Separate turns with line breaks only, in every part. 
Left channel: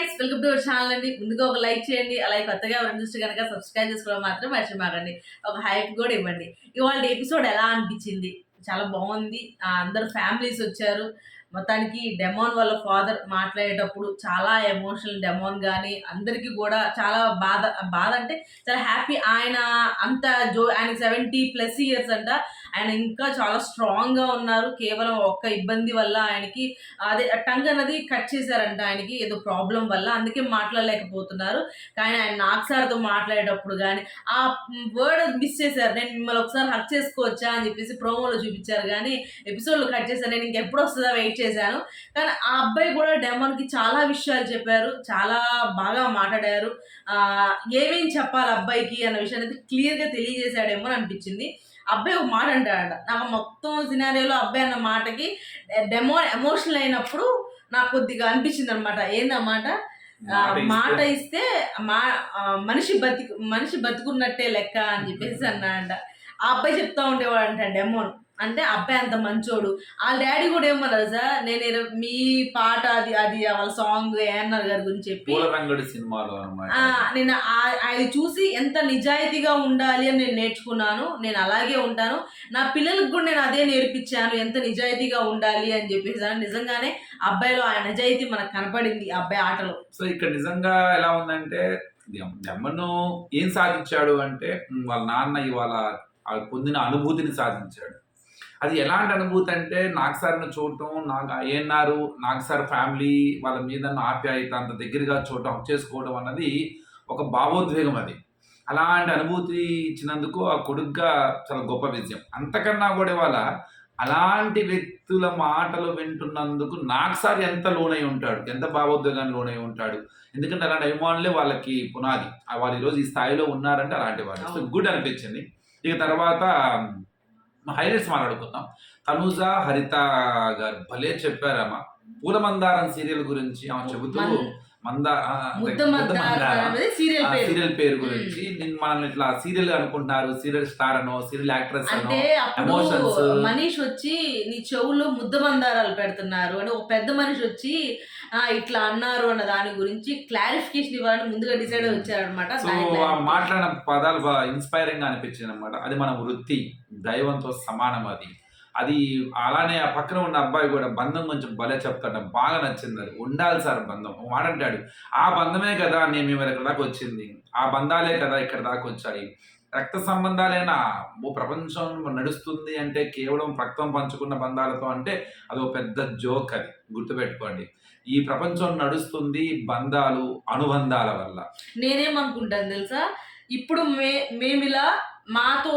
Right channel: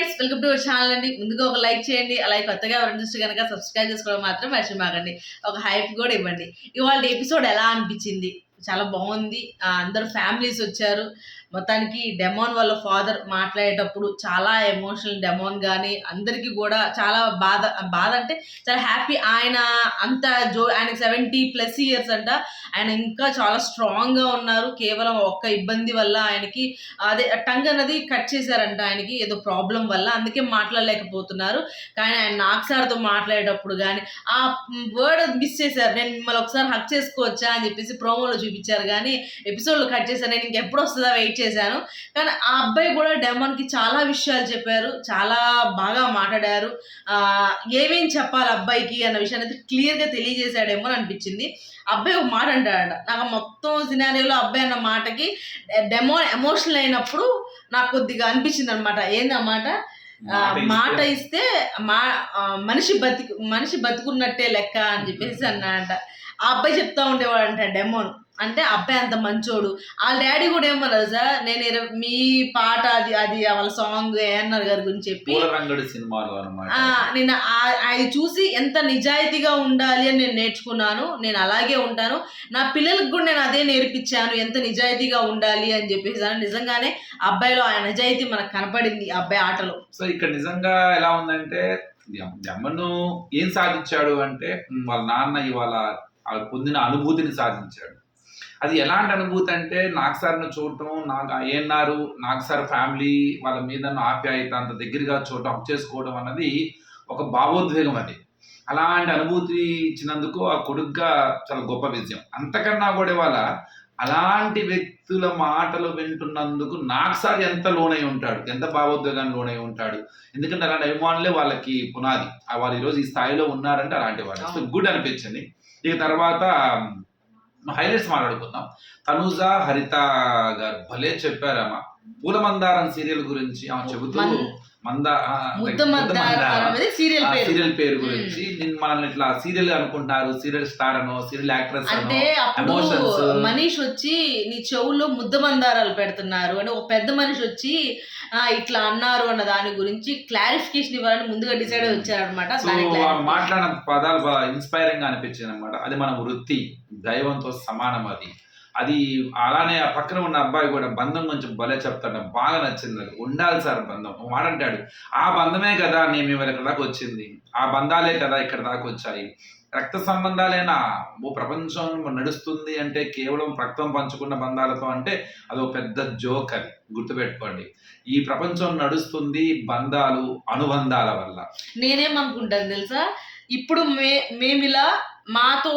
Friends welcome to our channel అండి ముందుగా ఒక లైక్ చేయండి అలాగే కొత్తగా ఎవరైనా చూస్తే కనుక సబ్స్క్రైబ్ చేసుకోవడం మాత్రం మర్చిపోకండి ఒక హైప్ కూడా ఇవ్వండి ఇవాళ ఎపిసోడ్ ఎలా అనిపించింది చాలా బాగుంది అందరు ఫ్యామిలీస్ వచ్చారు మొత్తానికి డెమోన్ వాళ్ళ ఫాదర్ మాట్లాడేటప్పుడు చాలా ఎమోషనల్ డెమోన్ కానీ అందరికీ కూడా చాలా బాధ బాధ అంటే చాలా హ్యాపీ ఆయన అంత జో ఆయన సెవెంటీ ప్లస్ ఇయర్స్ అంట ఆయన ఇంకా చాలా స్ట్రాంగ్గా ఉన్నారు కేవలం ఒక్క ఇబ్బంది వల్ల ఆయనకి అదే టంగ్ అనేది కట్ చేశారంట ఆయనకి ఏదో ప్రాబ్లం వల్ల అందుకే మాట్లాడలేకపోతున్నారు కానీ ఆయన నాకు సార్తో మాట్లాడేటప్పుడు కానీ ఆ వర్డ్ మిస్ చేశారు నేను మిమ్మల్ని ఒకసారి హక్ చేసుకోవచ్చా అని చెప్పేసి ప్రోమోలో చూపించారు కానీ ఎపిసోడ్లో కట్ చేశారు నేను ఇంకెప్పుడు వస్తుందా వెయిట్ చేశాను కానీ ఆ అబ్బాయి కూడా డెమన్కి చాలా విషయాలు చెప్పారు చాలా బాగా మాట్లాడారు ఏమేం చెప్పాలి అబ్బాయికి అన్న విషయాన్ని అయితే క్లియర్గా తెలియజేశాడేమో అనిపించింది అబ్బాయి ఒక మాట అంటాడంట నాకు మొత్తం సినారీలో అబ్బాయి అన్న మాటకి డెమో ఎమోషనల్ అయినప్పుడు నాకు కొద్దిగా అనిపించింది అనమాట ఏందన్నమాట మాట ఇస్తే మా మనిషి బతికి మనిషి బతుకున్నట్టే లెక్క అని చెప్పేసి అన్నాడంట ఆ అబ్బాయి చెప్తా ఉండేవాడు అంట డెమోను అంటే అబ్బాయి అంత మంచోడు వాళ్ళ డాడీ కూడా ఏమన్నారు సార్ నేను మీ పాట అది అది వాళ్ళ సాంగ్ ఏఎన్ఆర్ గారి గురించి చెప్పి
రంగడు సినిమాలు అనమాట
నేను అది చూసి ఎంత నిజాయితీగా ఉండాలి అని నేను నేర్చుకున్నాను నేను అలాగే ఉంటాను నా పిల్లలకు కూడా నేను అదే నేర్పించాను ఎంత నిజాయితీగా ఉండాలి అని చెప్పేసి నిజంగానే అబ్బాయిలో ఆ నిజాయితీ మనకు కనపడింది అబ్బాయి ఆటలో
సో ఇక్కడ నిజంగా ఎలా ఉందంటే జమ్మను ఏం సాధించాడు అంటే వాళ్ళ నాన్న ఇవాళ పొందిన అనుభూతిని సాధించాడు అది ఎలాంటి అనుభూతి అంటే నాకు సార్ను చూడటం నాకు ఏఎన్ఆర్ నాకు సార్ ఫ్యామిలీ వాళ్ళ మీద ఆప్యాయత అంత దగ్గరగా చూడటం అప్ చేసుకోవడం అన్నది ఒక భావోద్వేగం అది అలాంటి అనుభూతి ఇచ్చినందుకు ఆ కొడుగ్గా చాలా గొప్ప విజయం అంతకన్నా కూడా వాళ్ళ అలాంటి వ్యక్తుల మాటలు వింటున్నందుకు నాకుసారి ఎంత లోనై ఉంటాడు ఎంత భావోద్వేగాన్ని లోనై ఉంటాడు ఎందుకంటే అలాంటి అభిమానులే వాళ్ళకి పునాది వాళ్ళు ఈరోజు ఈ స్థాయిలో ఉన్నారంటే అలాంటి వాళ్ళు సో గుడ్ అనిపించింది ఇక తర్వాత హైలైట్స్ మాట్లాడుకుందాం తనుజ హరిత గారు భలే చెప్పారమ్మా పూలమందారం సీరియల్ గురించి ఆమె చెబుతూ మంద
సీరియల్
పేరు గురించి మనల్ని ఇట్లా సీరియల్ అనుకుంటారు సీరియల్ స్టార్ అనో సీరియల్ యాక్ట్రెస్
అంటే మనీష్ వచ్చి నీ చెవుల్లో ముద్ద మందారాలు పెడుతున్నారు అని ఒక పెద్ద మనిషి వచ్చి ఇట్లా అన్నారు అన్న దాని గురించి క్లారిఫికేషన్ ఇవ్వాలని ముందుగా డిసైడ్ వచ్చారనమాట
మాట్లాడిన పదాలు ఇన్స్పైరింగ్ గా అనిపించింది అనమాట అది మన వృత్తి దైవంతో సమానం అది అది అలానే ఆ పక్కన ఉన్న అబ్బాయి కూడా బంధం కొంచెం భలే చెప్తాడు బాగా నచ్చింది అది ఉండాలి సార్ బంధం వాడంటాడు ఆ బంధమే కదా నేను మేము ఇక్కడ దాకా వచ్చింది ఆ బంధాలే కదా ఇక్కడ దాకా వచ్చాయి రక్త సంబంధాలేనా ఓ ప్రపంచం నడుస్తుంది అంటే కేవలం రక్తం పంచుకున్న బంధాలతో అంటే అది ఒక పెద్ద జోక్ అది గుర్తుపెట్టుకోండి ఈ ప్రపంచం నడుస్తుంది బంధాలు అనుబంధాల వల్ల
నేనేమనుకుంటాను తెలుసా ఇప్పుడు మే మేమిలా మాతో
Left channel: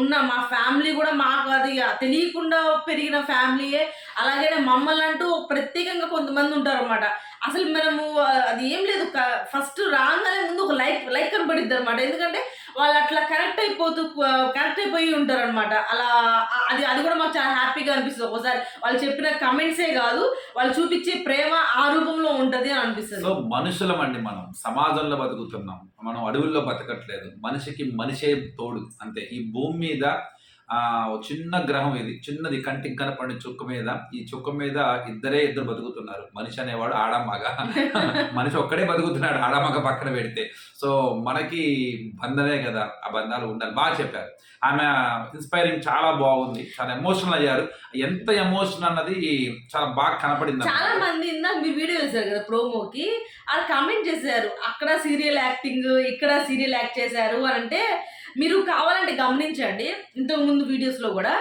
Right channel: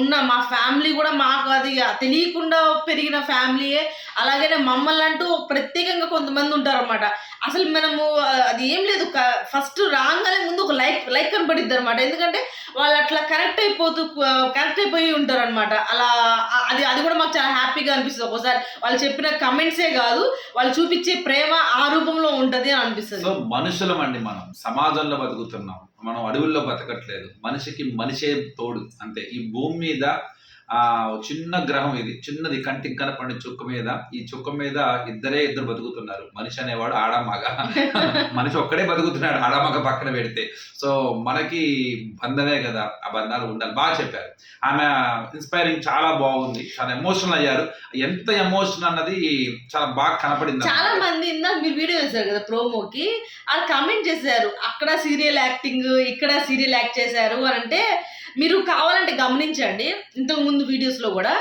ఉన్న మా ఫ్యామిలీ కూడా మాకు అది తెలియకుండా పెరిగిన ఫ్యామిలీయే అలాగనే మమ్మల్ని అంటూ ప్రత్యేకంగా కొంతమంది ఉంటారనమాట అసలు మనము అది ఏం లేదు ఫస్ట్ రాగానే ముందు ఒక లైక్ లైక్ కనబడిద్ది అనమాట ఎందుకంటే వాళ్ళు అట్లా కరెక్ట్ అయిపోతూ కరెక్ట్ అయిపోయి ఉంటారనమాట అలా అది అది కూడా మాకు చాలా హ్యాపీగా అనిపిస్తుంది ఒకసారి వాళ్ళు చెప్పిన కమెంట్సే కాదు వాళ్ళు చూపించే ప్రేమ ఆ రూపంలో ఉంటుంది అని అనిపిస్తుంది
మనుషులం అండి మనం సమాజంలో బతుకుతున్నాం మనం అడవుల్లో బతకట్లేదు మనిషికి మనిషే తోడు అంతే ఈ భూమి మీద ఆ చిన్న గ్రహం ఇది చిన్నది కంటికి కనపడిన చుక్క మీద ఈ చుక్క మీద ఇద్దరే ఇద్దరు బతుకుతున్నారు మనిషి అనేవాడు ఆడమగ మనిషి ఒక్కడే బతుకుతున్నాడు ఆడమగ పక్కన పెడితే సో మనకి బంధమే కదా ఆ బంధాలు ఉండాలి బాగా చెప్పారు ఆమె ఇన్స్పైరింగ్ చాలా బాగుంది చాలా ఎమోషనల్ అయ్యారు ఎంత ఎమోషన్ అన్నది చాలా బాగా కనపడింది
చాలా మంది ఇందాక మీరు వీడియో వేశారు కదా ప్రోమోకి ఆ కామెంట్ చేశారు అక్కడ సీరియల్ యాక్టింగ్ ఇక్కడ సీరియల్ యాక్ట్ చేశారు అంటే మీరు కావాలంటే గమనించండి ఇంతకుముందు వీడియోస్లో కూడా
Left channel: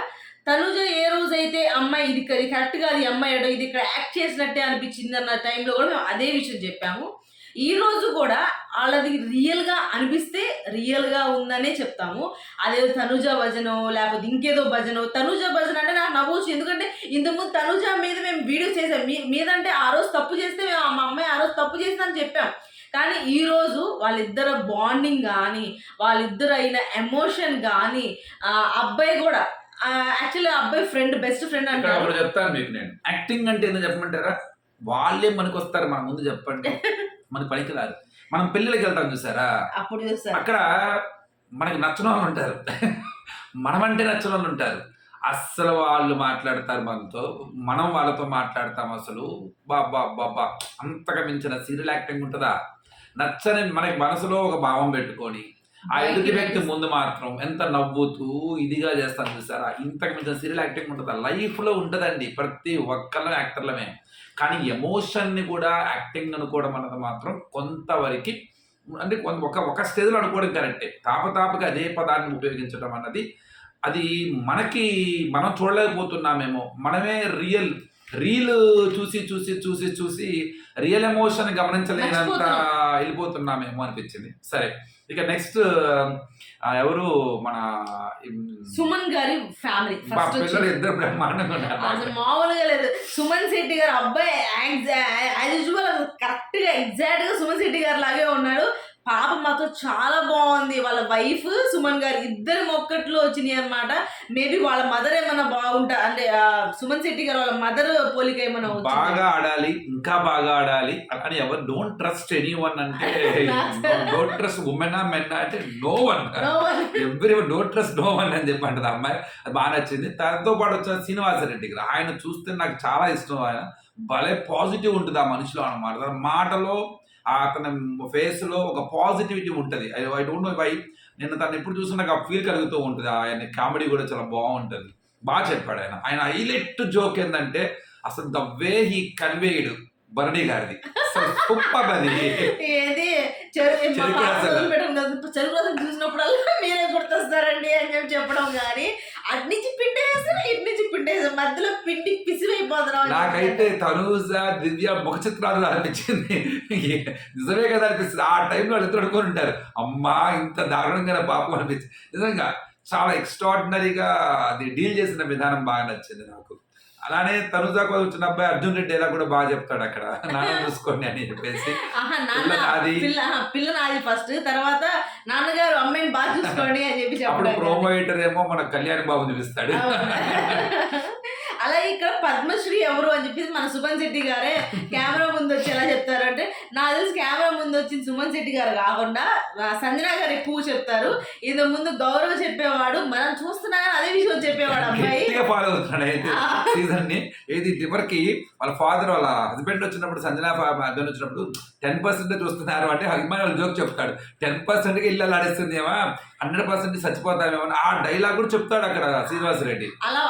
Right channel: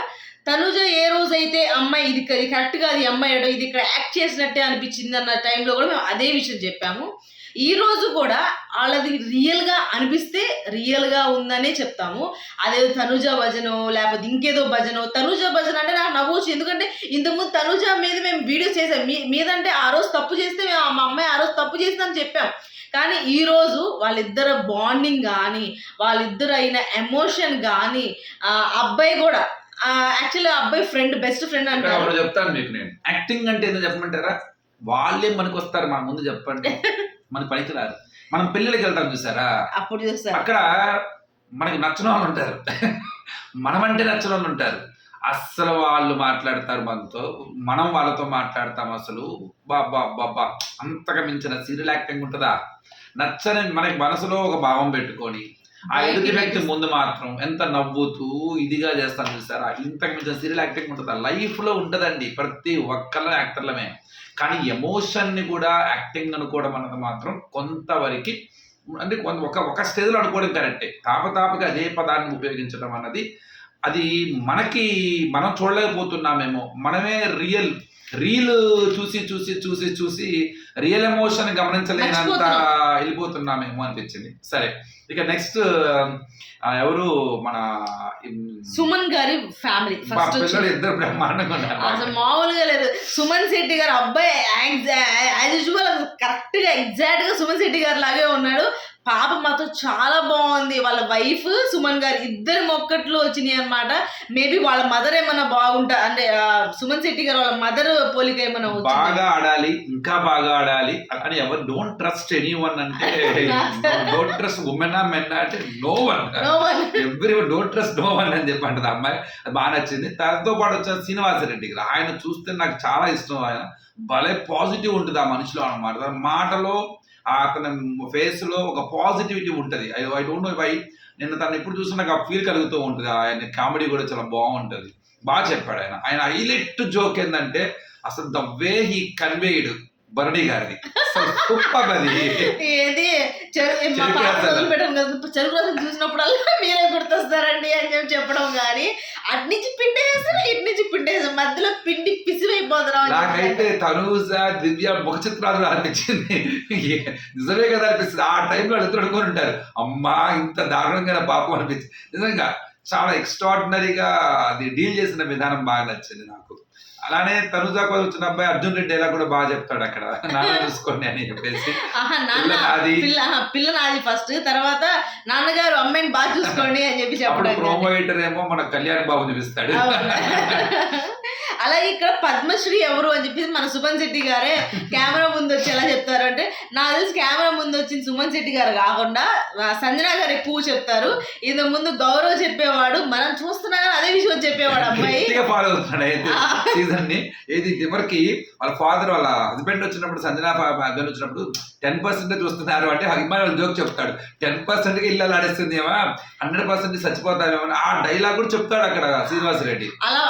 తనుజ ఏ రోజైతే అమ్మాయి ఇది ఇది కరెక్ట్ కాదు ఈ అమ్మాయి ఇది ఇక్కడ యాక్ట్ చేసినట్టే అనిపించింది అన్న టైంలో కూడా మేము అదే విషయం చెప్పాము ఈ రోజు కూడా వాళ్ళది రియల్గా అనిపిస్తే రియల్గా ఉందనే చెప్తాము అదే తనుజ భజనో లేకపోతే ఇంకేదో భజనో తనుజ భజన అంటే నాకు నవ్వచ్చు ఎందుకంటే ఇంతకుముందు తనుజ మీద మేము వీడియో చేసాం మీ మీదంటే ఆ రోజు తప్పు చేస్తే మేము మా అమ్మాయి ఆ రోజు తప్పు చేస్తామని చెప్పాం కానీ ఈరోజు వాళ్ళిద్దరు బాండింగ్ కానీ వాళ్ళిద్దరు అయిన ఎమోషన్ కానీ అబ్బాయి కూడా యాక్చువల్లీ అబ్బాయి ఫ్రెండ్ బెస్ట్ ఫ్రెండ్
అంటే అప్పుడు చెప్తాను మీకు నేను యాక్టింగ్ అంటే ఏదో చెప్పమంటారా వాళ్ళే మనకు వస్తారు మన ముందు చెప్పండి మన పనికి రాదు మనం పెళ్ళిళ్ళకి వెళ్తాం చూసారా అప్పుడు చూస్తారు అక్కడ మనకి నచ్చిన వాళ్ళు ఉంటారు మనమంటే నచ్చిన వాళ్ళు ఉంటారు అస్సలు వాళ్ళు మాట్లాడతారు మనతో మనం వాళ్ళతో మాట్లాడతాం అసలు బాబా బాబా అంతగా మించిన సీరియల్ యాక్టింగ్ ఉంటుందా నచ్చని మనకి మనసులో ఒక భావం పెట్టుకొని ఆ ఎదుటి వ్యక్తి ముందు మాత్రం ఎంత నవ్వుతూ ఇదిగా చేస్తాను చూసారా ఇంతకు మించిన సీరియల్ యాక్టింగ్ ఉంటుందా లైఫ్లో ఉంటుందండి ప్రతి ఒక్కళ్ళ యాక్టర్లమే కానీ ఎమోషన్ని కూడా యాక్టింగ్ అనుకోవడం అన్నది మాత్రం కొంతవరకు అంటే కొంత ఒక ఒక స్టేజ్లో అనుకోవడం కరెక్టే తాపతాపగా అదే పదాన్ని ఉపయోగించడం అన్నది అది మనకి మనం చూడలేకపోతున్నామేమో మనమే రియల్ రీల్ చూసి చూసి చూసి చూసి రియల్ ఎమోషన్ గమనించలేనంత వెళ్ళిపోతున్నామేమో అనిపించింది సరే ఇక నెక్స్ట్ ఎవరు మన
సుమన్ గారి
ఫ్యామిలీ ఇద్దరు బ్రహ్మాండంగా
మామూలుగా లేదు సుమన్ శెట్టి గారు అబ్బాయి యాజ్ యూజువల్ కరెక్ట్ గా ఎగ్జాక్ట్ గా సుమన్ శెట్టి గారు లాగే ఉన్నాడు పాప మాతో చాలా బాగుంది వాళ్ళ వైఫ్ సుమన్ గారు ఇద్దరు మొక్కట్లో వచ్చినాయి అనమాట మేబీ వాళ్ళ మదర్ ఏమైనా బాగుంటా అంటే సుమన్ శెట్టి గారు వాళ్ళ మదర్ పోలిక ఏమైనా
బాగా ఆడాలి ఇంకా బాగా ఆడాలి అని ఎవరు డోంట్ ట్రస్ట్ ఎనీ వన్ అంటే డోంట్ ట్రస్ట్ ఉమెన్ మెన్ అంటే no one everyone don't trust no one అని చెప్పి అమ్మాయి అది బాగా నచ్చింది తనతో పాటు వచ్చిన శ్రీనివాసరెడ్డి గారు ఆయన చూస్తే నాకు చాలా ఇష్టం ఆయన భలే పాజిటివ్ ఉంటుంది ఆ మనిషిలో అనమాట మాటలో అతని ఫేస్ లో ఒక పాజిటివిటీ ఉంటుంది I I don't know why నేను తను ఎప్పుడు చూసినా నాకు ఆ ఫీల్ కలుగుతూ ఉంటుంది ఆయన కామెడీ కూడా చాలా బాగుంటుంది బాగా చెప్పాడు ఆయన ఆయన హైలైట్ జోక్ ఏంటంటే అసలు ద వే హీ కన్వేయిడ్ బరణి గారిది అసలు సూపర్ అది
చెరువు పెట్టాను కదా చెరువు మీరే గుర్తొస్తారండి అని చెప్పి చెప్పడం కానీ అటు నుంచి పిండి వేసాం పిండి మధ్యలో పిండి పిసివైపోతున్నాం
నాకైతే తనూజ దివ్య ముఖ చిత్రాలు అనిపించింది నిజమే కదా అనిపిస్తుంది ఆ టైంలో వాళ్ళు అనుకుని ఉంటారు అమ్మా ఇంత దారుణంగా పాపం అనిపించింది నిజంగా చాలా ఎక్స్ట్రాడినరీగా అది డీల్ చేసిన విధానం బాగా నచ్చింది నాకు అలానే కోసం వచ్చిన అబ్బాయి అర్జున్ రెడ్డి ఎలా కూడా బాగా చెప్తాడు అక్కడ నాన్న చూసుకోండి అని చెప్పేసి
అది పిల్ల నాది ఫస్ట్ తర్వాత నాన్నగారు అమ్మాయిని బాగా చూసుకోండి అని చెప్పి
అప్పుడు ప్రోమో ఏమో మన కళ్యాణ్ బాబు చూపిస్తాడు
అలాగే ఇక్కడ పద్మశ్రీ ఎవరు అని చెప్పేసి మన సుమన్ శెట్టి గారే కెమెరా ముందు వచ్చి ఎలా చెప్తారు అంటే నాకు తెలిసి కెమెరా ముందు వచ్చింది సుమన్ శెట్టి గారు కాకుండా సంజన గారు ఎక్కువ చెప్తారు ఇంత ముందు గౌరవ్ చెప్పేవాడు మనం చూస్తున్నా కానీ అదే విషయం చెప్పేవాడు
అబ్బాయి ఫాలో అవుతున్నాడు ఏది చివరికి వాళ్ళ ఫాదర్ వాళ్ళ హస్బెండ్ వచ్చినప్పుడు సంజన హస్బెండ్ వచ్చినప్పుడు టెన్ పర్సెంట్ చూస్తున్నారు అంటే అభిమాని జోక్ చెప్తాడు టెన్ పర్సెంట్ కి ఇల్లు ఆడేస్తుందేమా హండ్రెడ్ పర్సెంట్ చచ్చిపోతామేమో ఆ డైలాగ్ కూడా చెప్తాడు అక్కడ శ్రీనివాస రెడ్డి
అలా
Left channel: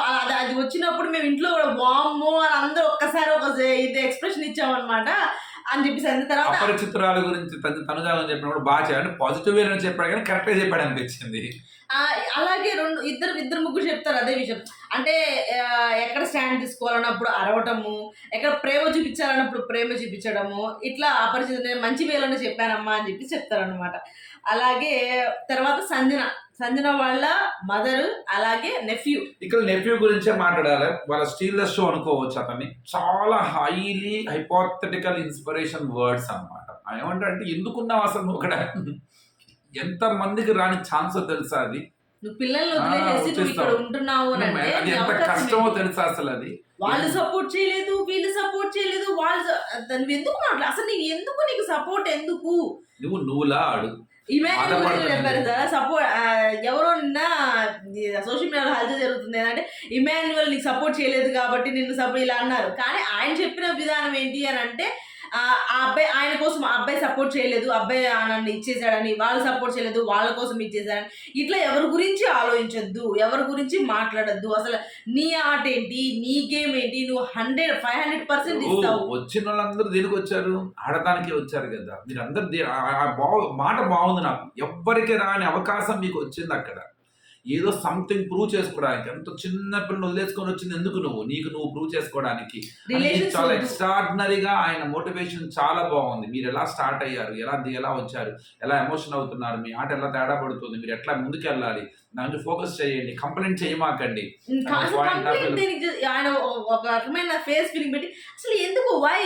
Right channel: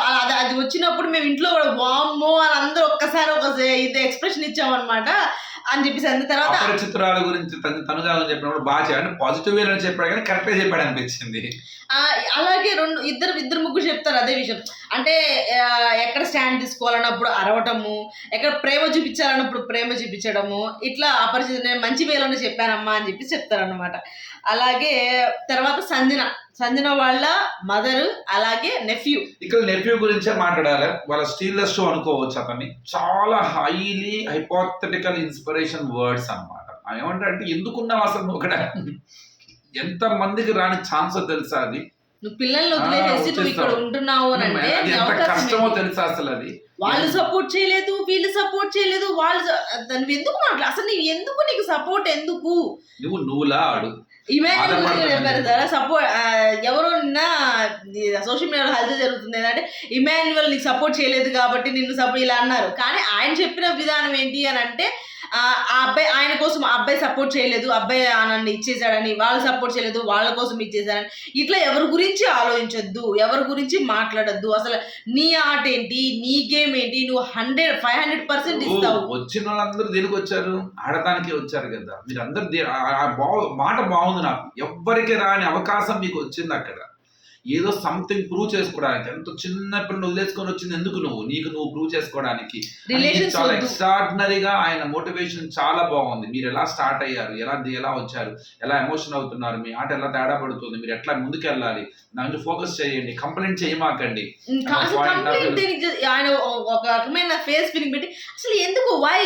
అది వచ్చినప్పుడు మేము మేము ఇంట్లో కూడా వామ్మో అని అందరూ ఒక్కసారి ఒక ఇది ఎక్స్ప్రెషన్ ఇచ్చామన్నమాట అని చెప్పేసి అంది తర్వాత
అపరిచితురాల గురించి అని చెప్పినప్పుడు బాగా చేయండి పాజిటివ్ వే అని చెప్పాడు కానీ కరెక్ట్గా చెప్పాడు అనిపించింది
అలాగే రెండు ఇద్దరు ఇద్దరు ముగ్గురు చెప్తారు అదే విషయం అంటే ఎక్కడ స్టాండ్ తీసుకోవాలన్నప్పుడు అరవటము ఎక్కడ ప్రేమ చూపించాలన్నప్పుడు ప్రేమ చూపించడము ఇట్లా అపరిచిత మంచి మంచి వేలోనే చెప్పానమ్మా అని చెప్పి చెప్తారనమాట అలాగే తర్వాత సంజన సంజన వాళ్ళ మదర్ అలాగే నెఫ్యూ
ఇక్కడ నెఫ్యూ గురించే మాట్లాడాలి వాళ్ళ స్టీల్లెస్ షో అనుకోవచ్చు అతన్ని చాలా హైలీ హైపోథెటికల్ ఇన్స్పిరేషన్ వర్డ్స్ అనమాట ఏమంటారంటే ఎందుకున్నావు అసలు ఒకడ ఎంత మందికి రాని ఛాన్స్ తెలుసా అది
నువ్వు పిల్లల్ని ఉంటున్నావు అని
ఎంత కష్టమో తెలుసా అసలు అది
వాళ్ళు సపోర్ట్ చేయలేదు వీళ్ళు సపోర్ట్ చేయలేదు వాళ్ళు ఎందుకు మాట్లాడు అసలు నువ్వు ఎందుకు నీకు సపోర్ట్ ఎందుకు
నువ్వు నువ్వులా అడుగు
ఇమాన్యువల్ సార్ సపోర్ట్ ఎవరో నిన్న సోషల్ మీడియాలో హల్చల్ జరుగుతుంది ఏంటంటే ఇమాన్యువల్ నీకు సపోర్ట్ చేయలేదు కాబట్టి నిన్ను సపోర్ట్ ఇలా అన్నారు కానీ ఆయన చెప్పిన విధానం ఏంటి అని అంటే ఆ అబ్బాయి ఆయన కోసం ఆ అబ్బాయి సపోర్ట్ చేయలేదు అబ్బాయి నన్ను ఇచ్చేసాడని వాళ్ళు సపోర్ట్ చేయలేదు వాళ్ళ కోసం ఇచ్చేసాడని ఇట్లా ఎవరి గురించి ఆలోచించొద్దు ఎవరి గురించి మాట్లాడద్దు అసలు నీ ఆట ఏంటి నీ గేమ్ ఏంటి నువ్వు హండ్రెడ్ ఫైవ్ హండ్రెడ్ పర్సెంట్ ఇస్తావు
వచ్చిన వాళ్ళందరూ దేనికి వచ్చారు ఆడటానికి వచ్చారు కదా మీరు అందరు మాట బాగుంది నాకు ఎవ్వరికి రాని అవకాశం మీకు వచ్చింది అక్కడ ఏదో సంథింగ్ ప్రూవ్ చేసుకోవడానికి ఎంతో చిన్న పిల్లలు వదిలేసుకొని వచ్చింది ఎందుకు నువ్వు నీకు నువ్వు ప్రూవ్ చేసుకోవడానికి చాలా ఎక్స్ట్రాడినరీగా ఆయన మోటివేషన్ చాలా బాగుంది మీరు ఎలా స్టార్ట్ అయ్యారు ఎలా ఎలా వచ్చారు ఎలా ఎమోషన్ అవుతున్నారు మీ ఆట ఎలా తేడా పడుతుంది మీరు ఎట్లా ముందుకు వెళ్ళాలి దాని ఫోకస్ చేయండి కంప్లైంట్ చేయమాకండి
ఆయన ఒక రకమైన ఫేస్ ఫీలింగ్ పెట్టి అసలు ఎందుకు వై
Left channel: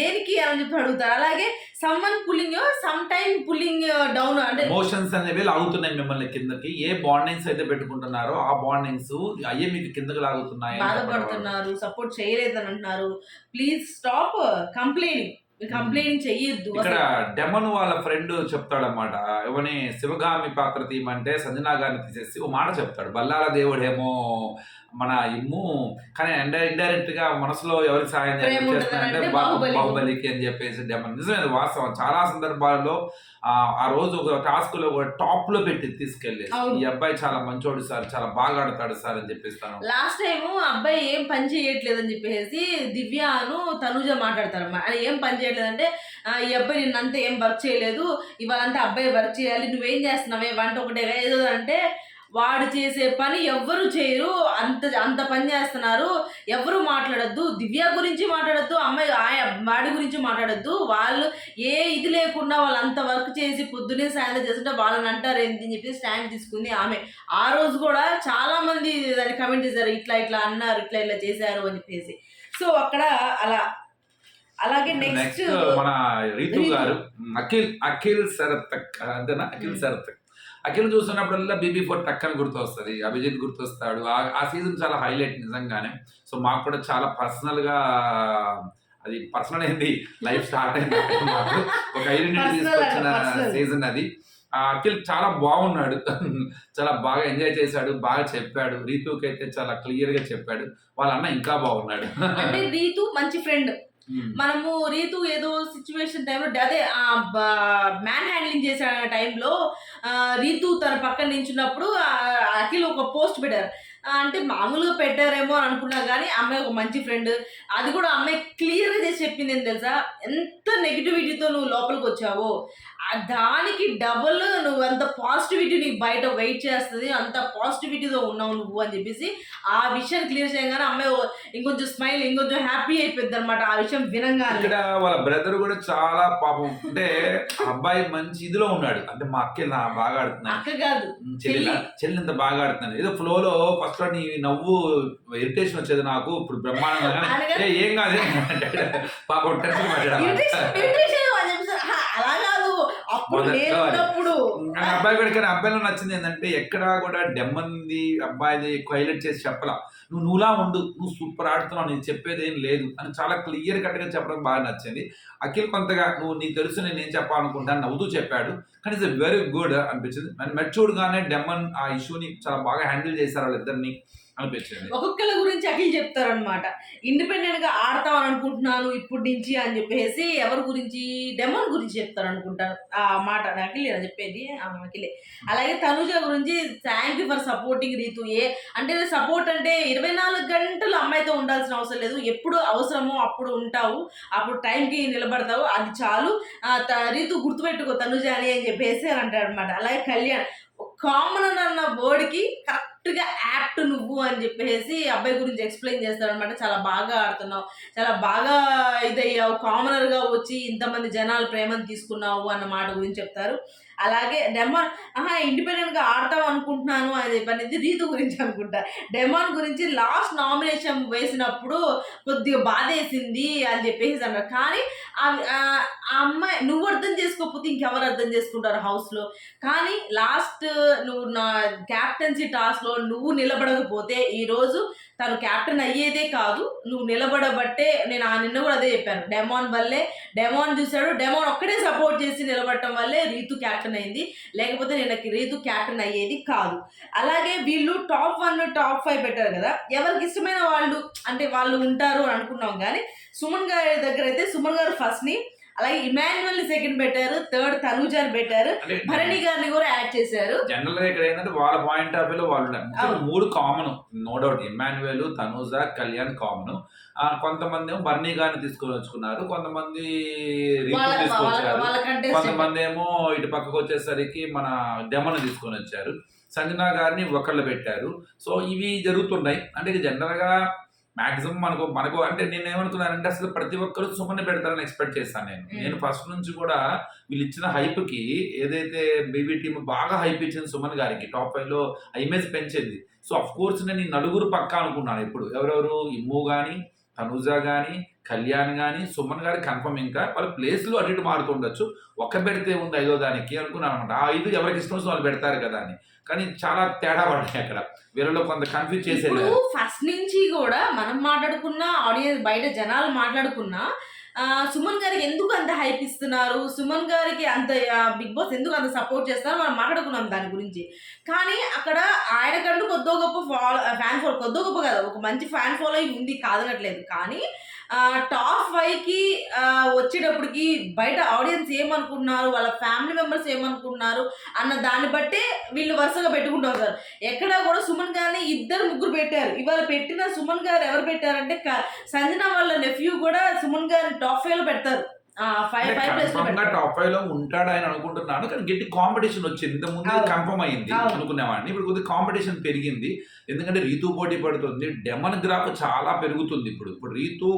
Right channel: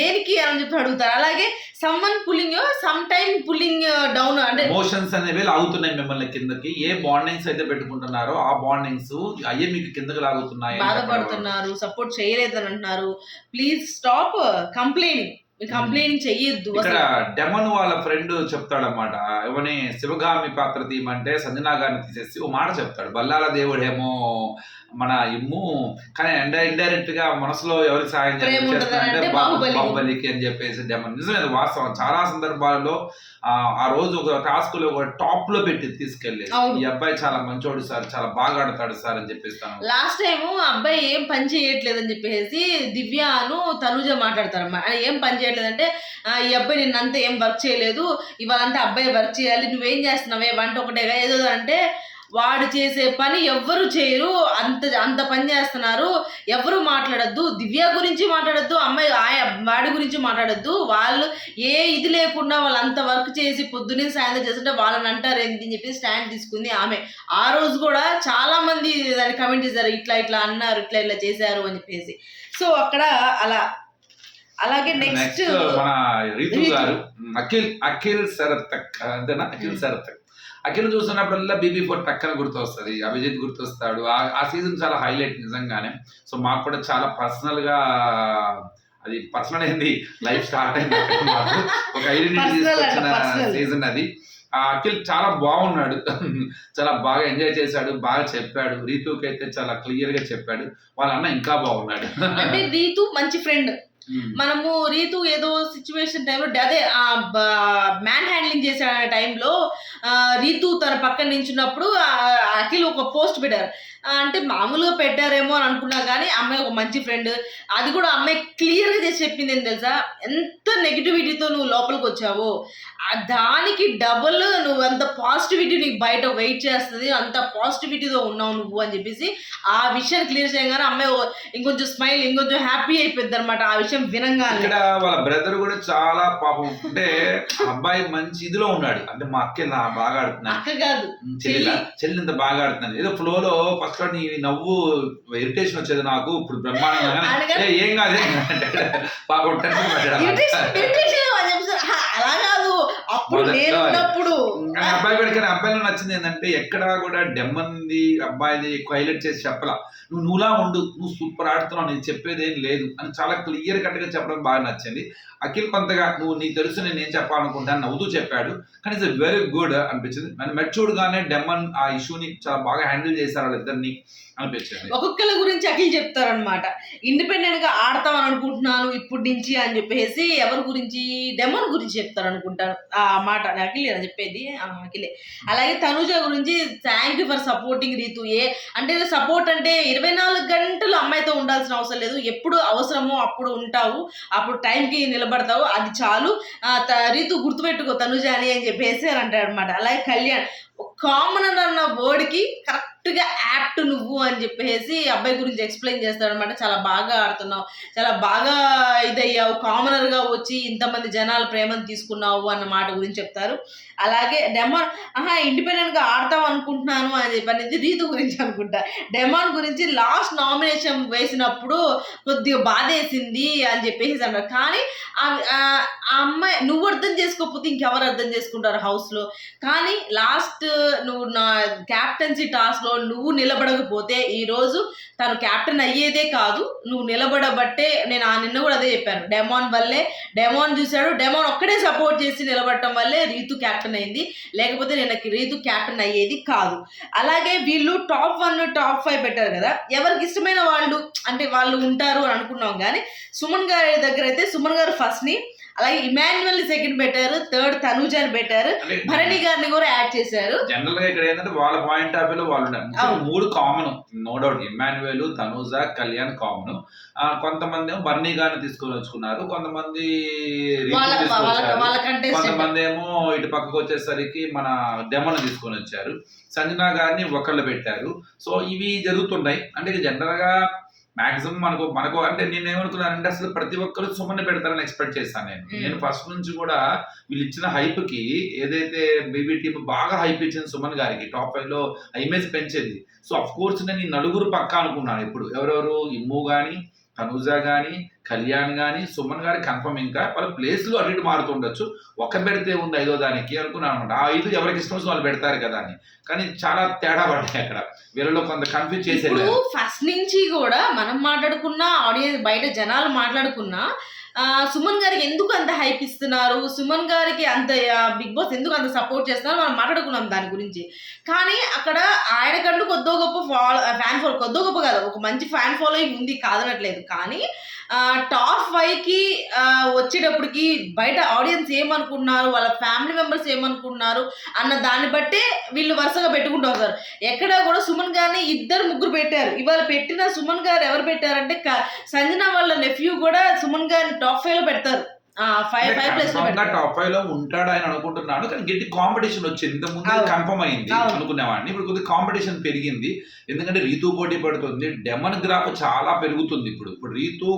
దేనికి అని చెప్పి అడుగుతారు అలాగే someone pulling some time pulling down అంటే
మోషన్స్ అనేవి లాగుతున్నాయి మిమ్మల్ని కిందకి ఏ బాండింగ్స్ అయితే పెట్టుకుంటున్నారో ఆ బాండింగ్స్ అయ్యే మీకు కిందకి లాగుతున్నాయి
బాధపడుతున్నారు సపోర్ట్ చేయలేదని అంటున్నారు ప్లీజ్ స్టాప్ కంప్లైనింగ్ కంప్లైంట్ చెయ్యొద్దు
ఇక్కడ డెమన్ వాళ్ళ ఫ్రెండ్ చెప్తాడనమాట ఇవని శివగామి పాత్ర తీయమంటే సంజనా గారిని తీసేసి ఓ మాట చెప్తాడు బల్లాల దేవుడు ఏమో మన ఇమ్ము కానీ ఇండైరెక్ట్ గా మనసులో ఎవరికి సాయం చేస్తాడంటే బాహుబలికి అని చెప్పేసి డెమన్ నిజమైన వాస్తవం చాలా సందర్భాల్లో ఆ రోజు ఒక టాస్క్ లో ఒక టాప్ లో పెట్టి తీసుకెళ్ళి ఈ అబ్బాయి చాలా మంచోడు సార్ చాలా బాగా ఆడతాడు సార్ అని చెప్పేస్తాను
లాస్ట్ టైం అబ్బాయి ఏం పని చేయట్లేదు అని చెప్పేసి దివ్యాను తనుజ మాట్లాడతారు ఏం పని చేయట్లేదంటే ఈ అబ్బాయి అంత ఏం వర్క్ చేయలేదు ఇవాళ అంతా అబ్బాయి వర్క్ చేయాలి నువ్వేం చేస్తున్నావే వంట ఒకటే ఏదో అంటే వాడు చేసే పని ఎవ్వరు చేయరు అంత అంత పని చేస్తున్నారు ఎవరు మాట్లాడద్దు దివ్య గురించి మాట్లాడద్దు అమ్మాయి ఆయా వాడి గురించి మాట్లాడద్దు వాళ్ళు ఏ ఇది లేకుండా వాళ్ళు అంత వర్క్ చేసి పొద్దున్నే సాయంత్రం చేస్తుంటే వాళ్ళని అంటారు ఏంటి అని చెప్పి స్టాండ్ తీసుకుంది ఆమె ఆ రోజు కూడా చాలామంది దాన్ని కమెంట్ చేశారు ఇట్లా ఇట్లా అన్నారు ఇట్లా ఇట్లా చేశారు అని చెప్పేసి సో అక్కడ అలా అలాగే నెక్స్ట్
మన రీతు గారు అఖిల్ అఖిల్ సరతక్ అంతేనా అఖిల్ సరతక్ అఖిల్ చూస్తున్నప్పుడల్లా బీబీ ఫోర్ టక్కన గుర్తొస్తుంది అభిజిత్ గుర్తొస్తాడు ఆ సీజన్ చాలా హైలైట్ నిజంగానే సో మాకు కూడా చాలా పర్సనల్గా అది పర్సనల్ అయింది లైఫ్ స్టార్ట్ అయింది ఒక ఐడెంటిటీ తీసుకొచ్చిన సీజన్ అది అఖిల్ చాలా బాగున్నాడు చాలా బాగా ఎంజాయ్ చేశాడు బాగా చెప్పాడు రీతుకి అయితే చాలా క్లియర్ గా చెప్పాడు వాళ్ళ అన్న ఇంకా బాగున్నాడు
రీతు మంచి ఫ్రెండ్ Hmm. మనము రీతు ఏదో సిచ్యువేషన్ టైంలో అదే మ్యాన్ హ్యాండ్లింగ్ చేసే టైంలో రీతు తన పక్కన నించున్నప్పుడు అఖిల్ ఒక పోస్ట్ పెట్టారు అంటే మామూలుగా పెట్టారేమో అని అనుకున్నా కానీ అమ్మాయి ఒక మంచి ఫ్రెండ్ అది కూడా అమ్మాయి క్లియర్గా చేసి చెప్పింది ఏం తెలుసా ఎంత నెగిటివిటీతో నువ్వు లోపలికి వచ్చావో దానికి డబుల్ నువ్వు అంత పాజిటివిటీ నీకు బయట వెయిట్ చేస్తుంది అంత పాజిటివిటీతో ఉన్నావు నువ్వు అని చెప్పేసి ఆ విషయం క్లియర్ చేయగానే అమ్మాయి ఇంకొంచెం స్మైల్ ఇంకొంచెం హ్యాపీ అయిపోద్ది అనమాట ఆ విషయం వినంగా
ఇక్కడ వాళ్ళ బ్రదర్ కూడా చాలా పాపం అంటే అబ్బాయి మంచి ఇదిలో ఉన్నాడు అంటే మా అక్క బాగా ఆడుతున్నాను అక్క కాదు చెల్లి చెల్లి ఇంత బాగా ఆడుతున్నాను ఏదో ఫ్లో లో ఫస్ట్ లో నీ నవ్వు ఇరిటేషన్ వచ్చేది నాకు ఇప్పుడు బ్రహ్మాండంగా ఏం కాదు పాపం టెన్షన్
పడ్డాడు అలాగా అప్పుడు
అబ్బాయి కూడా అబ్బాయిలో నచ్చింది ఏంటంటే ఎక్కడా కూడా డెమ్మంది అబ్బాయిది హైలైట్ చేసి చెప్పలా నువ్వు నువ్వులా ఉండు నువ్వు సూపర్ ఆడుతున్నావు నేను చెప్పేది ఏం లేదు అని చాలా క్లియర్ కట్గా చెప్పడం బాగా నచ్చింది అఖిల్ కొంతగా నువ్వు నీకు తెలుసు నేను ఏం చెప్పాలనుకుంటాను నవ్వుతూ చెప్పాడు కానీ ఇట్స్ వెరీ గుడ్ అనిపించింది మెచ్యూర్డ్గానే డెమ్మన్ ఆ ఇష్యూని చాలా బాగా హ్యాండిల్ చేశారు వాళ్ళిద్దరిని అనిపించింది
గురించి అఖిల్ చెప్తారనమాట ఇండిపెండెంట్ గా ఆడతాం అనుకుంటున్నాను ఇప్పటి నుంచి అని చెప్పేసి ఎవరి గురించి డెమోన్ గురించి చెప్తారు అనుకుంటాను ఆ మాట అఖిల్ అని చెప్పేది అఖిలే అలాగే తనుజ గురించి thank you for supporting Reethu ఏ అంటే సపోర్ట్ అంటే ఇరవై నాలుగు గంటలు అమ్మాయితో ఉండాల్సిన అవసరం లేదు ఎప్పుడు అవసరమో అప్పుడు ఉంటావు అప్పుడు టైంకి నిలబడతావు అది చాలు రీతు గుర్తుపెట్టుకో తనుజ అని అని చెప్పేసి అని అంటాడు అనమాట అలాగే కళ్యాణ్ కామన్ అన్న వర్డ్కి కరెక్ట్ కరెక్ట్గా యాప్ట్ నువ్వు అని చెప్పేసి అబ్బాయి గురించి ఎక్స్ప్లెయిన్ చేస్తాడనమాట చాలా బాగా ఆడుతున్నావు చాలా బాగా ఇదయ్యావు కామనర్గా వచ్చి ఇంతమంది జనాలు ప్రేమను తీసుకున్నావు అన్న మాట గురించి చెప్తారు అలాగే డెమాన్ ఆహా ఇండిపెండెంట్గా ఆడతాం అనుకుంటున్నాను అని చెప్పనేది రీతు గురించి అనుకుంటా డెమాన్ గురించి లాస్ట్ నామినేషన్ వేసినప్పుడు కొద్దిగా బాధేసింది అని చెప్పేసి అన్నారు కానీ ఆ అమ్మాయి నువ్వు అర్థం చేసుకోకపోతే ఇంకెవరు అర్థం చేసుకుంటారు హౌస్లో కానీ లాస్ట్ నువ్వు నా క్యాప్టెన్సీ టాస్క్లో ధైర్యంతో నువ్వు నిలబడకపోతే ఈరోజు తను క్యాప్టెన్ అయ్యేదే కాదు నువ్వు నిలబడబట్టే నేను ఆ నిన్న కూడా అదే చెప్పాను డెమాన్ వల్లే డెమాన్ చూశాడు డెమాన్ ఒక్కడే సపోర్ట్ చేసి నిలబడటం వల్లే రీతు క్యాప్టెన్ అయింది లేకపోతే నేను రీతు క్యాప్టెన్ అయ్యేది కాదు అలాగే వీళ్ళు టాప్ వన్ టాప్ ఫైవ్ పెట్టారు కదా ఎవరికి ఇష్టమైన వాళ్ళు అంటే వాళ్ళు ఉంటారు అని అనుకున్నాం కానీ సుమన్ గారి దగ్గర అయితే సుమన్ గారు ఫస్ట్ని అలాగే ఇమాన్యువల్ సెకండ్ పెట్టారు థర్డ్ తనుజాని పెట్టారు భరణి గారిని కూడా యాడ్ చేశారు
జనరల్ గా ఇక్కడ ఏంటంటే వాళ్ళ పాయింట్ ఆఫ్ వ్యూలో వాళ్ళు మూడు common no doubt Emmanuel Tanuja Kalyan common కొంతమంది ఏమో బర్నీ గారిని తీసుకొని వచ్చుకున్నారు కొంతమంది కొంతమంది ఏమో ఇటు పక్కకు వచ్చేసరికి మన డెమోని తీసుకొని వచ్చారు సంజనా గారిని ఒకళ్ళు పెట్టారు సో ఇవి జరుగుతున్నాయి అంటే జనరల్ గా మాక్సిమం మనకు మనకు అంటే నేను ఏమనుకున్నానంటే అసలు ప్రతి ఒక్కరు సుమన్ పెడతారని ఎక్స్పెక్ట్ చేస్తాను నేను నేను ఫస్ట్ నుంచి కూడా వీళ్ళు ఇచ్చిన హైప్ కి ఏదైతే బీబీ టీమ్ బాగా హైప్ ఇచ్చింది సుమన్ గారికి టాప్ ఫైవ్ లో ఇమేజ్ పెంచింది సో అఫ్ కోర్స్ నేను ఈ నలుగురు పక్కా అనుకున్నాను ఇప్పుడు ఎవరెవరు ఇమ్ము కానీ తనూజ కానీ కళ్యాణ్ కానీ సుమన్ గారి కన్ఫర్మ్ ఇంకా వాళ్ళ ప్లేస్లు అన్నిటి మారుతుండొచ్చు ఒక్క పెడితే ఉంది ఐదో దానికి అనుకున్నాను అనమాట ఆ ఐదు ఎవరికి ఇష్టం వాళ్ళు పెడతారు కదా అని కానీ చాలా తేడా పడ్డాయి అక్కడ వీళ్ళలో కొంత కన్ఫ్యూజ్ చేసేది
ఫస్ట్ నుంచి కూడా మనం మాట్లాడుకున్నా ఆడియన్స్ బయట జనాలు మాట్లాడుకున్నా సుమన్ గారికి ఎందుకు అంత హైప్ ఇస్తున్నారు సుమన్ గారికి అంత బిగ్ బాస్ ఎందుకు అంత సపోర్ట్ చేస్తున్నారు మనం మాట్లాడుకున్నాం దాని గురించి కానీ అక్కడ ఆయనకంటూ కొద్దో గొప్ప ఫాలో ఫ్యాన్ ఫాలో కొద్దో గొప్ప కాదు ఒక మంచి ఫ్యాన్ ఫాలోయింగ్ ఉంది కాదనట్లేదు కానీ టాప్ ఫైవ్కి వచ్చేటప్పటికి బయట ఆడియన్స్ ఏమనుకున్నారు వాళ్ళ ఫ్యామిలీ మెంబర్స్ ఏమనుకున్నారు అన్న దాన్ని బట్టే వీళ్ళు వరుసగా పెట్టుకుంటారు సార్ ఎక్కడ కూడా సుమన్ గారిని ఇద్దరు ముగ్గురు పెట్టారు ఇవాళ పెట్టిన సుమన్ గారు ఎవరు పెట్టారంటే సంజన వాళ్ళ నెఫ్యూ కూడా సుమన్ గారిని టాప్ ఫైవ్ లో పెడతారు
టాప్ ఫైవ్ లో ఉంటాడు ఆయన అనుకుంటున్నాను కానీ గట్టి కాంపిటీషన్ వచ్చింది ఇంత ముందు కన్ఫర్మ్ అయింది అనుకునేవాడిని ఇప్పుడు కొద్దిగా కాంపిటీషన్ పెరిగింది ఎందుకంటే రీతు పోటీ పడుతుంది డెమన్ గ్రాఫ్ చాలా పెరుగుతుంది ఇప్పుడు ఇప్పుడు రీతు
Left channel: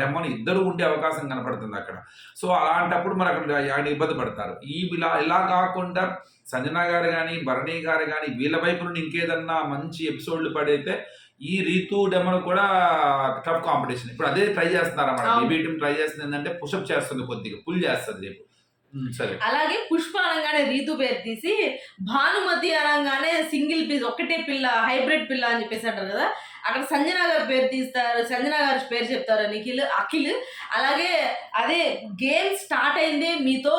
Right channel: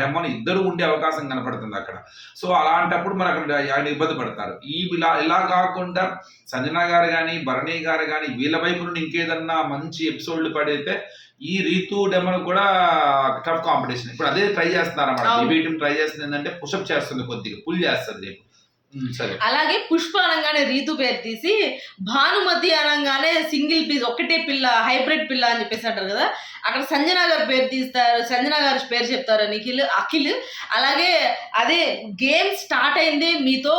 డెమన్ ఇద్దరు ఉండే అవకాశం కనపడుతుంది అక్కడ సో అలాంటప్పుడు మరి అక్కడ ఆయన ఇబ్బంది పడతారు ఈ ఇలా ఇలా కాకుండా సంజన గారు కానీ భరణి గారు కానీ వీళ్ళ వైపు నుండి ఇంకేదన్నా మంచి ఎపిసోడ్లు పడైతే ఈ రీతు డెమన్ కూడా టఫ్ కాంపిటీషన్ ఇప్పుడు అదే ట్రై చేస్తున్నారు అన్నమాట బీబీటీ ట్రై చేస్తుంది ఏంటంటే పుషప్ చేస్తుంది కొద్దిగా పుల్ చేస్తుంది రేపు అలాగే పుష్ప అనగానే రీతు పేరు తీసి భానుమతి అనగానే సింగిల్ పీస్ ఒకటే పిల్ల హైబ్రిడ్ పిల్ల అని చెప్పేసి అంటారు కదా అక్కడ సంజన గారు పేరు తీస్తారు సంజన గారు పేరు చెప్తారు నిఖిల్ అఖిల్ అలాగే అదే గేమ్ స్టార్ట్ అయిందే మీతో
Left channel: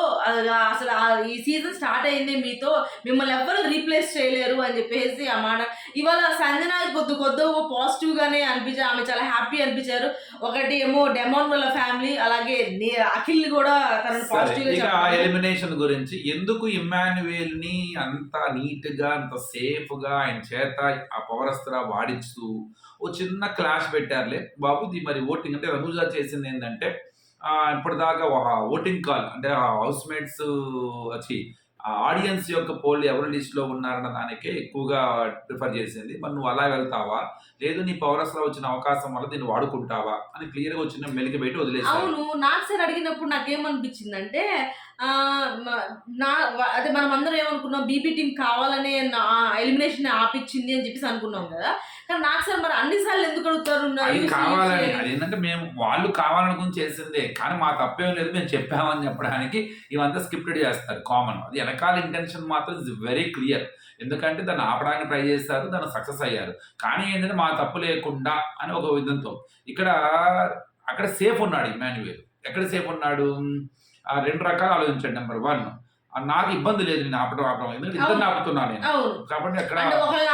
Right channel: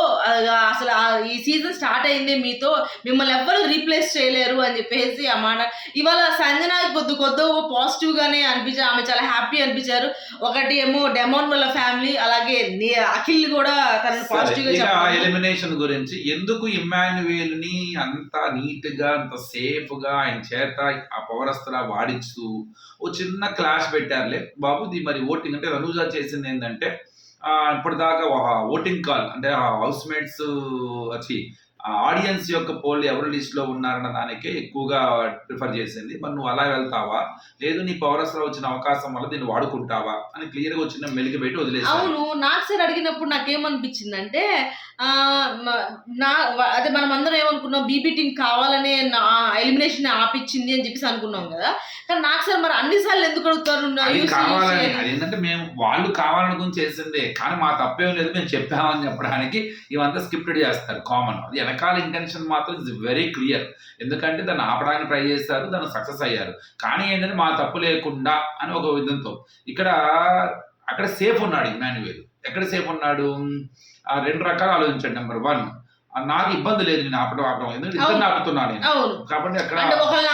అసలు ఈ సీజన్ స్టార్ట్ అయిందే మీతో మిమ్మల్ని ఎవ్వరు రీప్లేస్ చేయలేరు అని చెప్పేసి ఆ మాట ఇవాళ సంజన కొద్ది కొద్ది పాజిటివ్గానే అనిపించారు ఆమె చాలా హ్యాపీ అనిపించారు ఒకటి ఏమో డెమోన్ వల్ల ఫ్యామిలీ అలాగే అఖిల్ కూడా తనని పాజిటివ్గా ఎలిమినేషన్ గురించి ఎందుకు ఇమాన్యువేల్ ని అంత నీట్ గా అంత సేఫ్ గా ఆయన చేత ఆ పౌరస్త్ర వాడిస్తూ ఓ చిన్న క్లాష్ పెట్టారులే బాబు ది మరి ఓటింగ్ అంటే రనూజా చేసింది ఏంటంటే ఇప్పటిదాకా ఓటింగ్ కాల్ అంటే హౌస్ మేట్స్ వచ్చి ఆడియన్స్ యొక్క పోల్ ఎవరు లిస్ట్లో ఉన్నారన్న దానికే ఎక్కువగా ప్రిఫర్ చేసింది మరి నువ్వు అలా వెళ్తావా లేదు నీ పౌరస్లో వచ్చిన అవకాశం వల్ల దీన్ని వాడుకుంటావా అని క్లియర్గా వచ్చిన మెలిగి పెట్టి వదిలేసి అవును నాకు సార్ అడిగినప్పుడు నాకేమనిపించింది అంటే నా అదే మనం అందరం ఏమనుకున్నాం బీబీ టీం కావాలనే ఎలిమినేషన్ ఆపిచ్చింది అని చెప్పేసి అనుకున్నాం కదా కానీ నాకు సార్ మరి అన్ని సార్లు ఎందుకు అడుగుతారు కావాలని అది ఏంటంటే మేము వాళ్ళు కావాలనుకుని చేసిందే కానీ మా తప్పేం లేదు మేము చెప్పామని చెప్పడానికి ఇవంతా స్క్రిప్టెడ్ చేస్తారు కామన్ అది వెనకాల ఇంటెన్షన్ మాత్రం ఇస్ వెరీ క్లియర్ ఎందుకంటే దాన్ని ఆపడానికి ట్రై చేస్తారు దాన్ని సక్సెస్ అయ్యారు కానీ ఏంటంటే మా తప్పు లేకుండా అని ఒక విధంతో ఇక్కడ అక్కడ సేఫ్ ఉన్నాడు ఇమాన్యువేల్ ఎక్కడ సేఫ్ ఉన్నాడు రెండు రకాలు ఆలోచించండి నెంబర్ వన్ నాకు ఇబ్బంది లేదు నేను ఆపడం ఆపడం ఎందుకంటే ఇద్దరు ఆపుతున్నా నేను కాబట్టి అక్కడ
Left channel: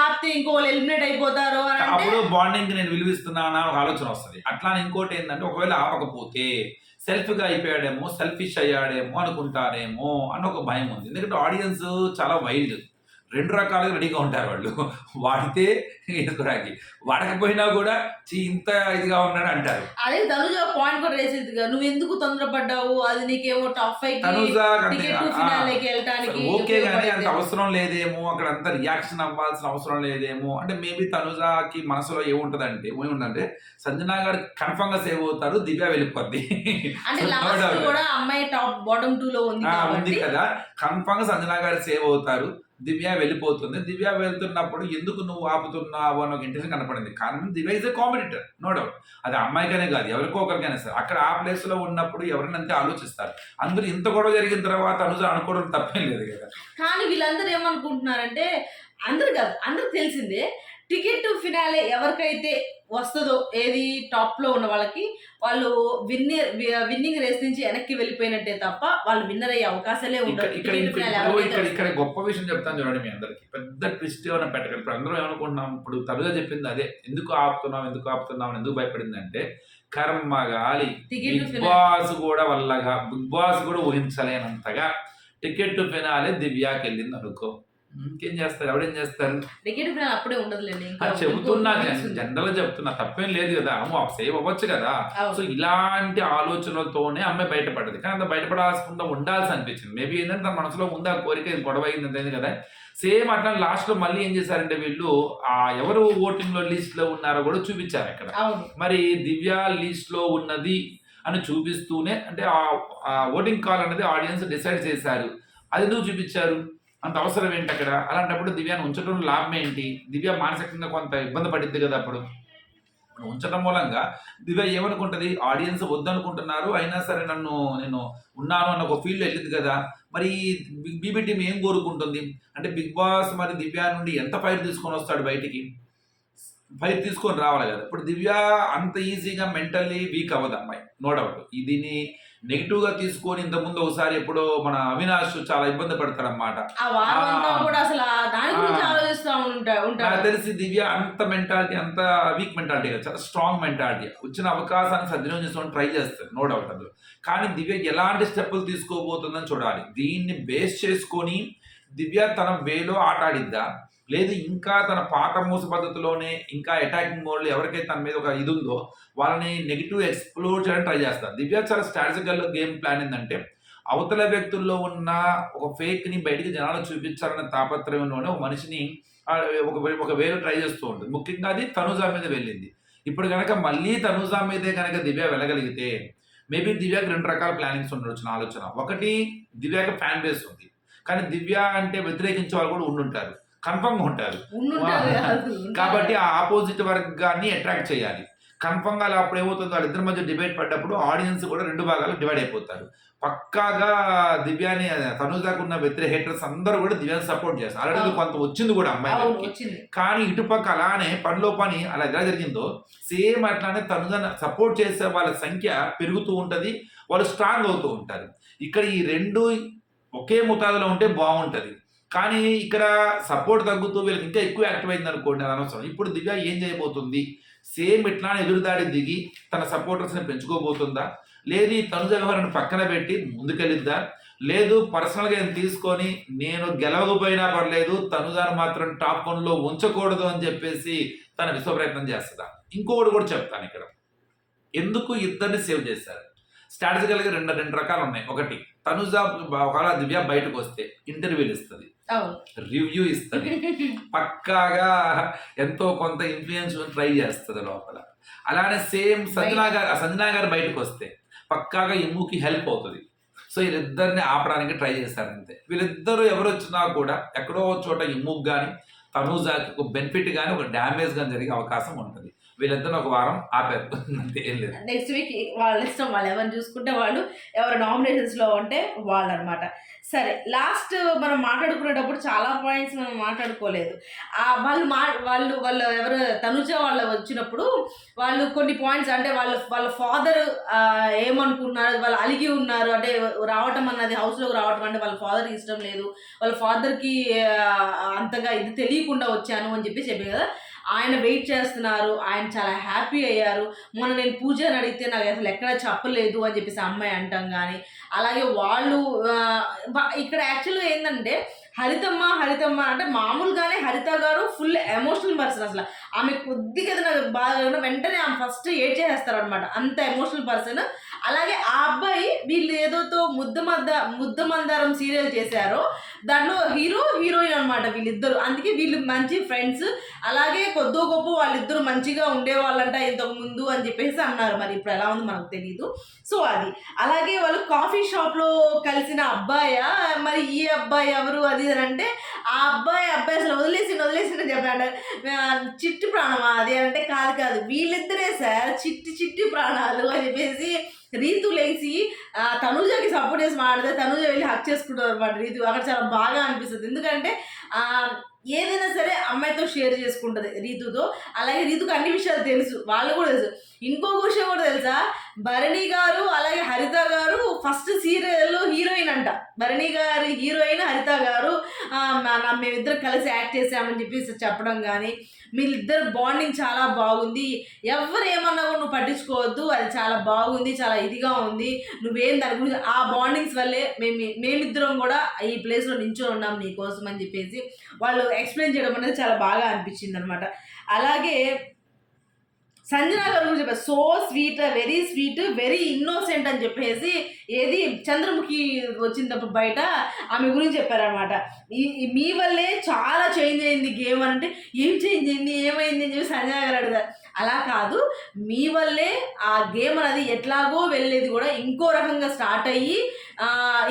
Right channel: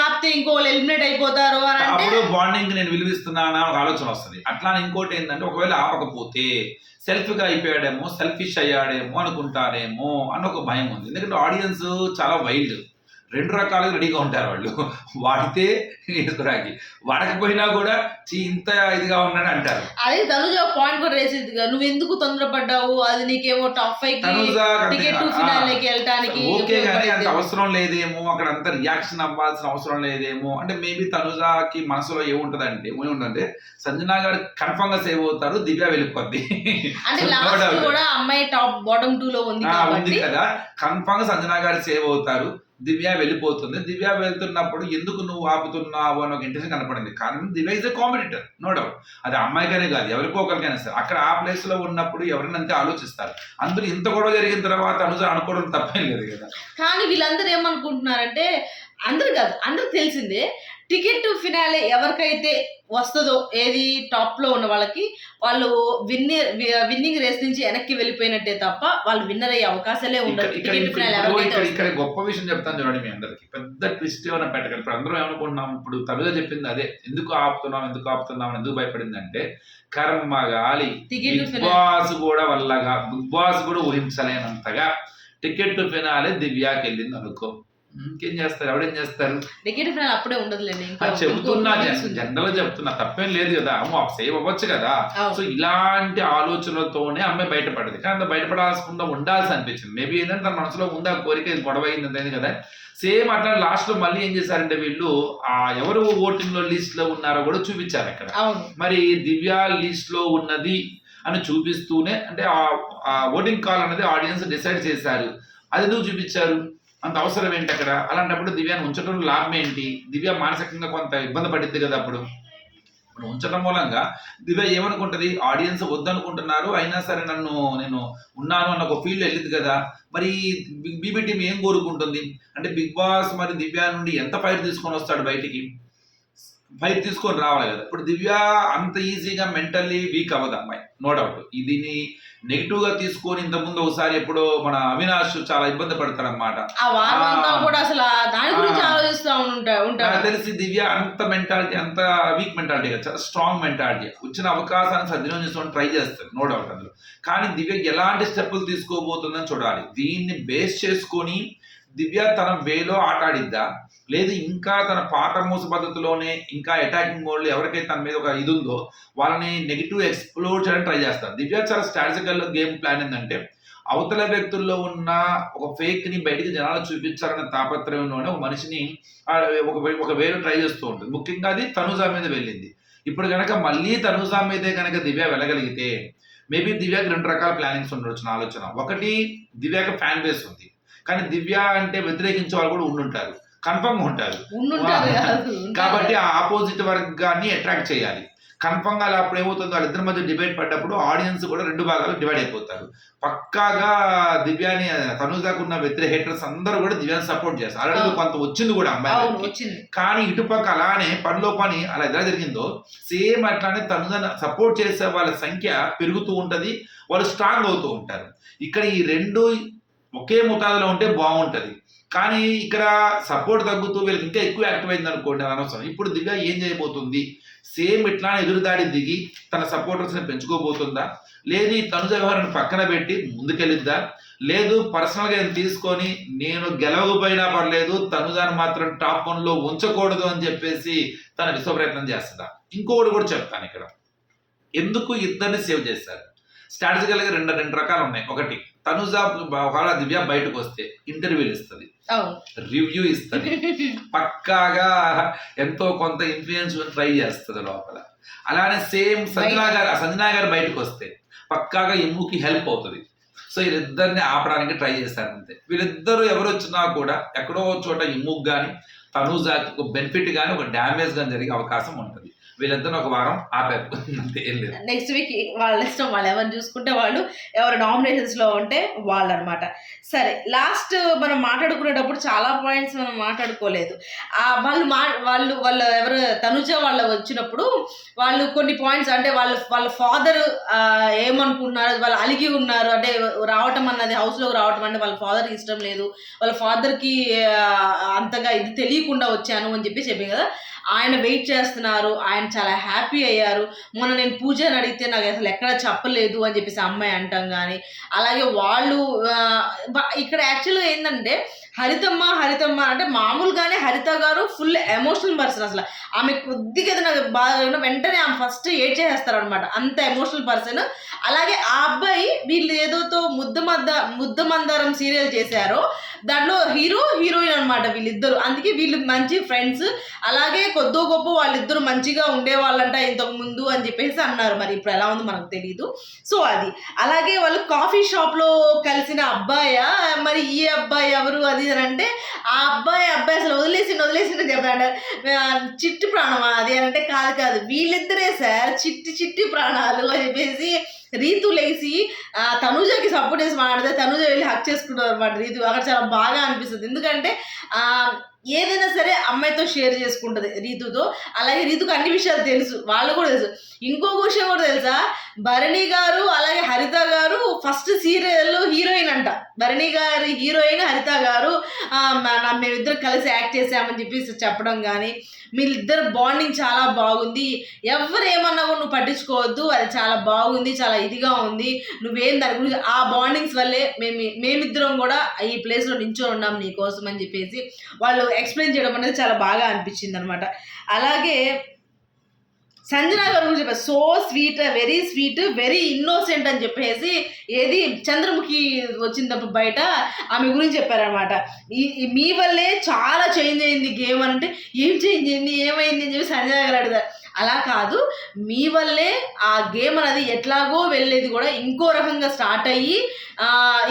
ఆపితే ఇంకోళ్ళు ఎలిమినేట్ అయిపోతారు అప్పుడు బాండింగ్ నేను విలువిస్తున్నానా ఒక ఆలోచన వస్తుంది అట్లా ఇంకోటి ఏంటంటే ఒకవేళ ఆపకపోతే సెల్ఫ్గా అయిపోయాడేమో సెల్ఫిష్ అయ్యాడేమో అనుకుంటారేమో అన్న ఒక భయం ఉంది ఎందుకంటే ఆడియన్స్ చాలా వైల్డ్ రెండు రకాలుగా రెడీగా ఉంటారు వాళ్ళు వాడితే ఎదురాకి వడకపోయినా కూడా ఇంత ఇదిగా ఉన్నాడు అంటారు అదే తనుజ పాయింట్ కూడా రేసేది నువ్వు ఎందుకు తొందరపడ్డావు అది నీకేమో టాప్ అయితే ఓకే కానీ అంత అవసరం లేదేమో అక్కడ అంత రియాక్షన్ అవ్వాల్సిన అవసరం లేదేమో అంటే మేబీ తనుజాకి మనసులో అంటే ఏముంటే సంజనా గారు కన్ఫర్మ్ గా సేవ్ అవుతారు దివ్య వెళ్ళిపోద్ది కూడా అమ్మాయి టాప్ బాటమ్ టూ లో ఉంది కదా కన్ఫర్మ్ గా సంజనా గారు సేవ్ అవుతారు దివ్య వెళ్ళిపోతుంది దివ్య వెళ్తున్నప్పుడు ఎందుకు నువ్వు ఆపుతున్నావు వన్ ఒక ఇంట్రెస్ట్ కనపడింది కానీ దీనిలో is a competitor no doubt అది అమ్మాయికనే కాదు ఎవరికో ఒకరికైనా సరే అక్కడ ఆ ప్లేస్లో ఉన్నప్పుడు ఎవరైనా అంతే ఆలోచిస్తారు అందరూ ఇంత గొడవ జరిగిన తర్వాత అనుజ అనుకోవడం తప్పేం లేదు కదా కానీ వీళ్ళందరూ ఏమనుకుంటున్నారంటే అందరు కాదు అందరికి తెలిసిందే టికెట్ ఫినాలే ఎవరికైతే వస్తుందో ఏది టాప్లో ఉన్న వాళ్ళకి వాళ్ళు విన్నర్ విన్నింగ్ రేస్ నుంచి వెనక్కి వెళ్ళిపోయినట్టే తప్ప వాళ్ళు విన్నర్ అయ్యే అవకాశాలే ఉండదు ఇక్కడ గొప్ప విషయం చెప్తాను చూడండి మీ అందరికి పెద్ద ట్విస్ట్ ఏమైనా పెట్టగలి ఇప్పుడు అందరం ఏమనుకుంటున్నాం ఇప్పుడు తమిళ చెప్పింది అదే ఎందుకు ఆపుతున్నాం ఎందుకు ఆపుతున్నాం ఎందుకు భయపడింది అంటే కర్మ గాలి బాస్ కూడా వల్లగా బిగ్ బాస్ కూడా ఊహించలేనంతగా టికెట్ ఫినాలే దివ్యాకి వెళ్ళింది అనుకో ఇంకేం చేస్తారు ఎవడేం చేస్తారు చెబుతున్నా జనరల్ చెప్తున్నా తప్పేం లేదు కదా అమ్మ సేవ్ అవ్వచ్చు కదా సో ఇలాంటి ఆలోచనలతోనే అమ్మాయి బయటపడదు కానీ అంత బయటపడాల్సకుండా ఉండాల్సి అనిపించింది మేబీ ఏంటంటే తన మనసులో ఉందా కోరిక గొడవ అయింది కదా సేమ్ అట్లా లాస్ట్ లో మళ్ళీ ఏం చేశారంటే వీళ్ళు ఆ ఎవరు ఓటింగ్ లో లిస్ట్ లో ఉన్నారో కూడా చూపించారు అక్కడ మరి దివ్య లిస్ట్ లో ఉన్నది అని చూపిస్తూనే అంటే ఆ ఓటింగ్ కాల్ అనేది ఆడియన్స్ డిసైడ్ చేశారు అది ఎందుకు చూపించారు అంత అవసరం ఏంటి అక్కడ అలాంటప్పుడు దివ్యాన్ని ఉంచడం లాభం ఏంటి దివ్య మానసికంగా కొంత ఇబ్బంది పడింది కదా అప్పుడు ఉంచడం మూలంగా దివ్య ఏమనుకుంటుంది ఆడియన్స్ వద్దనుకుంటున్నారు అయినా సరే నన్ను నేను ఉన్నాను అన్న ఒక ఫీల్డ్ వెళ్ళింది కదా మరి బిగ్ బీబీ టీం ఏం కోరుకుంటుంది అంటే బిగ్ బాస్ మరి దివ్య నుండి ఎంత ఫైర్ తీసుకొని వస్తాడు బయటికి ఫైర్ తీసుకొని రావాలి కదా ఇప్పుడు దివ్య అంత ఈజీగా మెంటల్లీ వీక్ అవ్వదు అమ్మాయి నో డౌట్ ఇదిని నెగిటివ్గా తీసుకొని ముందు ఒకసారి ఎప్పుడో మన అవినాష్ చాలా ఇబ్బంది పడతాడు అనమాట తెలిసి దివ్య అంత మెంటాలిటీ అంత వీక్ మెంటాలిటీ కదా చాలా స్ట్రాంగ్ మెంటాలిటీ వచ్చిన అవకాశాన్ని సద్వినియోగం చేసుకోవడం ట్రై చేస్తాడు నో డౌట్ అందులో కానీ దివ్య ఎలాంటి స్టెప్పులు తీసుకోబోతుందని చూడాలి దీన్ని బేస్ చేసుకొని దివ్య తన వేలో ఆటాడిద్దా లేదు ఇంకా తన పాట మూస పద్ధతిలోనే ఇంకా అటాకింగ్ మోడ్లో ఎవరికైతే తన మీద ఒక ఇది ఉందో వాళ్ళని నెగిటివ్ ఎక్స్ప్లోర్ చేయడానికి ట్రై చేస్తారు దివ్య చాలా స్ట్రాటజికల్ గేమ్ ప్లాన్ ఏంటంటే అవతల వ్యక్తుల్లో ఉన్న ఒక ఫేక్ని బయటికి జనాలు చూపించాలన్న తాపత్రయంలోనే ఒక మనిషిని ఒక ఒక వేరు ట్రై చేస్తూ ఉంటుంది ముఖ్యంగా అది తనుజా మీద వెళ్ళింది ఇప్పుడు కనుక మళ్ళీ తనుజా మీదే కనుక దివ్య వెళ్ళగలిగితే మేబీ దివ్యాకి రెండు రకాల ప్లానింగ్స్ ఉండొచ్చు నా ఆలోచన ఒకటి దివ్యాకి ఫ్యాన్ బేస్ ఉంది కానీ దివ్య అంటే వ్యతిరేకించే వాళ్ళు కూడా ఉండుంటారు కన్ఫర్మ్గా ఉంటారు కాబట్టి ఆ ఆపోజిట్ వర్గాన్ని అట్రాక్ట్ చేయాలి కన్ఫర్మ్గా అలా అప్పుడు ఏమవుతుందో వాళ్ళిద్దరి మధ్య డిబేట్ పడ్డప్పుడు ఆడియన్స్ కూడా రెండు భాగాలు డివైడ్ అయిపోతారు పక్కాగా దివ్యాని తనుజాకు ఉన్న వ్యతిరేక హేటర్స్ అందరూ కూడా దివ్యాన్ని సపోర్ట్ చేస్తారు అలాగే కొంత వచ్చింది కూడా అమ్మాయి కానీ ఇటుపక్క అలానే పనిలో పని అలా ఎలా జరిగిందో సేమ్ అట్లానే తనుజను సపోర్ట్ చేసే వాళ్ళ సంఖ్య పెరుగుతూ ఉంటుంది వాళ్ళు స్ట్రాంగ్ అవుతూ ఉంటారు ఇక్కడ ఈ రెండు ఒకే ముతాదులో ఉంటే బాగుంటుంది కానీ ఇక్కడ సపోర్ట్ తగ్గుతూ వీళ్ళకి ఇంకా ఎక్కువ యాక్టివ్ అయింది అనుకోండి అని అనవసరం ఇప్పుడు దివ్య ఏం చేయబోతుంది సేమ్ ఇట్లా ఎదురుదాడి దిగి తన సపోర్టర్స్ని పెంచుకోబోతుందా లేదు ఈ తను వ్యవహారాన్ని పక్కన పెట్టి ముందుకెళ్ళిద్దా లేదు పర్సనల్గా నేను తీసుకొని నేను గెలవకపోయినా పర్లేదు తనుజాను మాత్రం టాప్ వన్లో ఉంచకూడదు అని చెప్పేసి తన విశ్వ ప్రయత్నం చేస్తుందా ఇంకొకటి కూడా చెప్తాను ఇక్కడ ఎందుకు ఇద్దరిని సేవ్ చేశారు స్ట్రాటజికల్గా రెండు రెండు రకాలు ఉన్నాయి ఒకటి తనుజ ఒకవేళ దివ్య బయటకు వస్తే ఇంటర్వ్యూలు ఇస్తుంది రివ్యూ ఇస్తుంది పక్కాగా ఎంతో కొంత ఇన్ఫ్లుయెన్స్ ట్రై చేస్తుంది లోపల అలానే సేమ్ సంజనా గారు సంజనా గారు బయటకు వస్తే పక్కాగా ఎమ్ముకి హెల్ప్ అవుతుంది సో వీళ్ళిద్దరిని ఆపడానికి ట్రై చేస్తారు అంతే వీళ్ళిద్దరూ ఎవరు వచ్చినా కూడా ఎక్కడో చోట ఇమ్ముకు కానీ తనుజాకి ఒక బెనిఫిట్ కానీ ఒక డ్యామేజ్ కానీ జరిగే అవకాశం ఉంటుంది వీళ్ళంతా ఒక వారం ఆపారు నెక్స్ట్ వీక్ వాళ్ళ ఇష్టం వాళ్ళు ఎవరు చూసుకుంటే వాళ్ళు ఎవరు నామినేషన్స్లో ఉంటే వాళ్ళు అనమాట సరే లాస్ట్ మనం మాట్లాడుకునేటప్పుడు చాలా పాయింట్స్ మనం మాట్లాడుకోలేదు వాళ్ళు మా వాళ్ళు వాళ్ళు ఎవరు తనుజ వాళ్ళు వచ్చినప్పుడు వాళ్ళు కొన్ని పాయింట్స్ అంటే వాళ్ళ వాళ్ళ ఫాదర్ ఏమనుకున్నారు వాళ్ళు అలిగి ఉన్నారు అంటే రావటం అన్నది హౌస్లోకి రావటం అంటే వాళ్ళ ఫాదర్కి ఇష్టం లేదు వాళ్ళ ఫాదర్కి అంతగా ఇది తెలియకుండా వచ్చాను అని చెప్పి చెప్పి కదా ఆయన వెయిట్ చేస్తున్నారు ఆయన చాలా హ్యాపీ అయ్యారు మొన్న నేను పూజ అని అడిగితే నాకు అసలు ఎక్కడ చెప్పలేదు అని చెప్పేసి అమ్మాయి అంటాం కానీ అలాగే వాళ్ళు ఇక్కడ యాక్చువల్గా ఏంటంటే హరితమ్మ హరితమ్మ అంటే మామూలుగానే హరిత గారు ఫుల్ ఎమోషనల్ పర్సన్ అసలు ఆమె కొద్దిగా నాకు బాగా ఉన్న వెంటనే ఆమె ఫస్ట్ ఏడ్ చేసేస్తారు అనమాట అంత ఎమోషనల్ పర్సన్ అలాగే ఆ అబ్బాయి వీళ్ళు ఏదోతో ముద్ద మద్ద ముద్ద మందారం సీరియల్ చేశారో దాంట్లో హీరో హీరోయిన్ అనమాట వీళ్ళిద్దరు అందుకే వీళ్ళు మంచి ఫ్రెండ్స్ అలాగే కొద్దో గొప్ప వాళ్ళిద్దరు మంచిగా ఉండేవాళ్ళంట ఇంతకు ముందు అని చెప్పేసి అన్నారు మరి ఇప్పుడు ఎలా ఉంది మనకు తెలియదు సో అది అలాగే వాళ్ళు కాఫీ షాప్లో కలిసిన అబ్బాయ మరి ఈ అబ్బాయి ఎవరు అది అని అంటే ఆ అబ్బాయి అబ్బాయి అసలు వదిలేసి వదిలేసి చెప్పాడు చిట్టు ప్రాణమా అది అంటే కాదు కాదు వీళ్ళిద్దరే సార్ చిట్టి చిట్టి ప్రాణాలు అని చెప్పేసి రీతు లేచి తనుజకి సపోర్ట్ చేసి మాట్లాడితే తనుజ వెళ్ళి హక్ చేసుకుంటారు అనమాట రీతు అక్కడ చాలా బాగా అనిపిస్తుంది ఎందుకంటే ఏదైనా సరే అమ్మాయితో షేర్ చేసుకుంటుంది రీతుతో అలాగే రీతుకు అన్ని విషయాలు తెలుసు వాళ్ళు కూడా తెలుసు ఇంకో విషయం కూడా తెలుసా భరణి గారు అలాగే హరిత గారు ఫస్ట్ సీరియల్లో అంట భరణి గారి హీరోయిన్ హరిత గారు మేమిద్దరు కలిసి యాక్ట్ చేసామని చెప్పేసి చెప్పడం కానీ మీరిద్దరు బాండింగ్ చాలా బాగుంది ఎవరు ఏమన్నా నువ్వు పట్టించుకోవద్దు అది చాలా బాగుంది చాలా ఇదిగా ఉంది నువ్వేం దాని గురించి ఆ బాండింగ్స్ వల్లే మేము మేమిద్దరం కూడా ఈ ప్లేస్లో నించొని ఉన్నాం నీకోసం అని చెప్పేసి వాళ్ళు ఎక్స్ప్లెయిన్ చేయడం అనేది చాలా బాగా అనిపించింది అనమాట అలాగే సంజన గారు గురించి చెప్పారు so sweet very sweet very innocent అని చెప్పేసి ఏది చంద్రముఖి వచ్చినప్పుడు బయట ఆమె గురించి చెప్పారనమాట మీ వల్లే చాలా చేంజ్ అయింది గేమ్ అంటే ఏం చేంజ్ అయింది ఏమైంది అని చెప్పి సంజన గారు అడిగారు అలా కాదు మీ వల్లే ఆ గేమ్ అనేది ఎట్లాగో వెళ్ళేది కూడా ఇంకో రకంగా స్టార్ట్ అయ్యి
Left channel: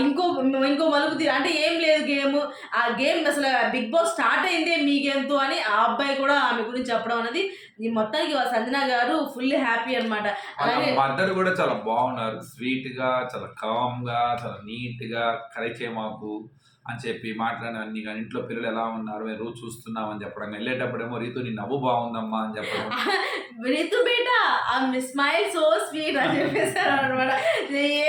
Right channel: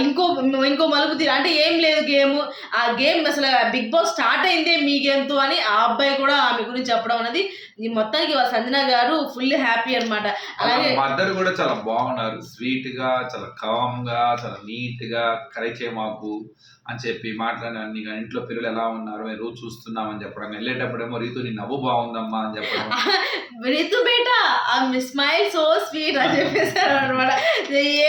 ఇంకో ఇంకో మలుపు తీరు అంటే ఏం లేదు గేమ్ ఆ గేమ్ అసలు బిగ్ బాస్ స్టార్ట్ అయిందే మీ గేమ్తో అని ఆ అబ్బాయి కూడా ఆమె గురించి చెప్పడం అనేది ఈ మొత్తానికి సంజన గారు ఫుల్ హ్యాపీ అనమాట అలాగే మదర్ కూడా చాలా బాగున్నారు స్వీట్ గా చాలా కామ్ గా చాలా నీట్ గా కరెక్ట్ మాకు అని చెప్పి మాట్లాడినాను నీకు ఇంట్లో పిల్లలు ఎలా ఉన్నారు మేము రోజు చూస్తున్నాం అని చెప్పడం వెళ్ళేటప్పుడేమో రీతు నీ నవ్వు బాగుందమ్మా అని చెప్పడం రీతు బేటా స్మైల్ సో స్వీట్ అని చెప్పేసారు అనమాట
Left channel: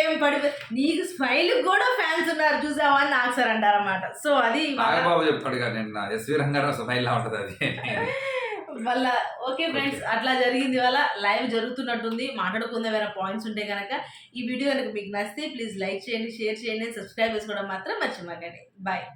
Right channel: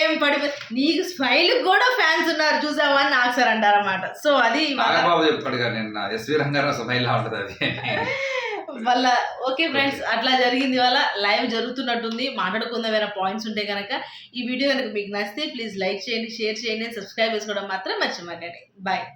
ఏం పడి నీకు స్మైల్ కూడా ఫ్యాన్స్ ఉన్నారు చూసావా అని నాకు సార్ అంటారన్నమాట సో అది బాబు చెప్తాడు నేను ఎస్వి రంగారావు స్మైల్ లా ఉంటుంది అది మళ్ళా ఓకే ఫ్రెండ్స్ అట్లా జరిగింది వల్ల లైవ్ జరుగుతున్నట్టుంది మాట్లాడుకుందాం ఏమైనా పాయింట్స్ ఉంటే కనుక ఈ వీడియో కనుక మీకు నచ్చితే ప్లీజ్ లైక్ చేయండి షేర్ చేయండి సబ్స్క్రైబ్ చేసుకోవడం మాత్రం మర్చిపోకండి బాయ్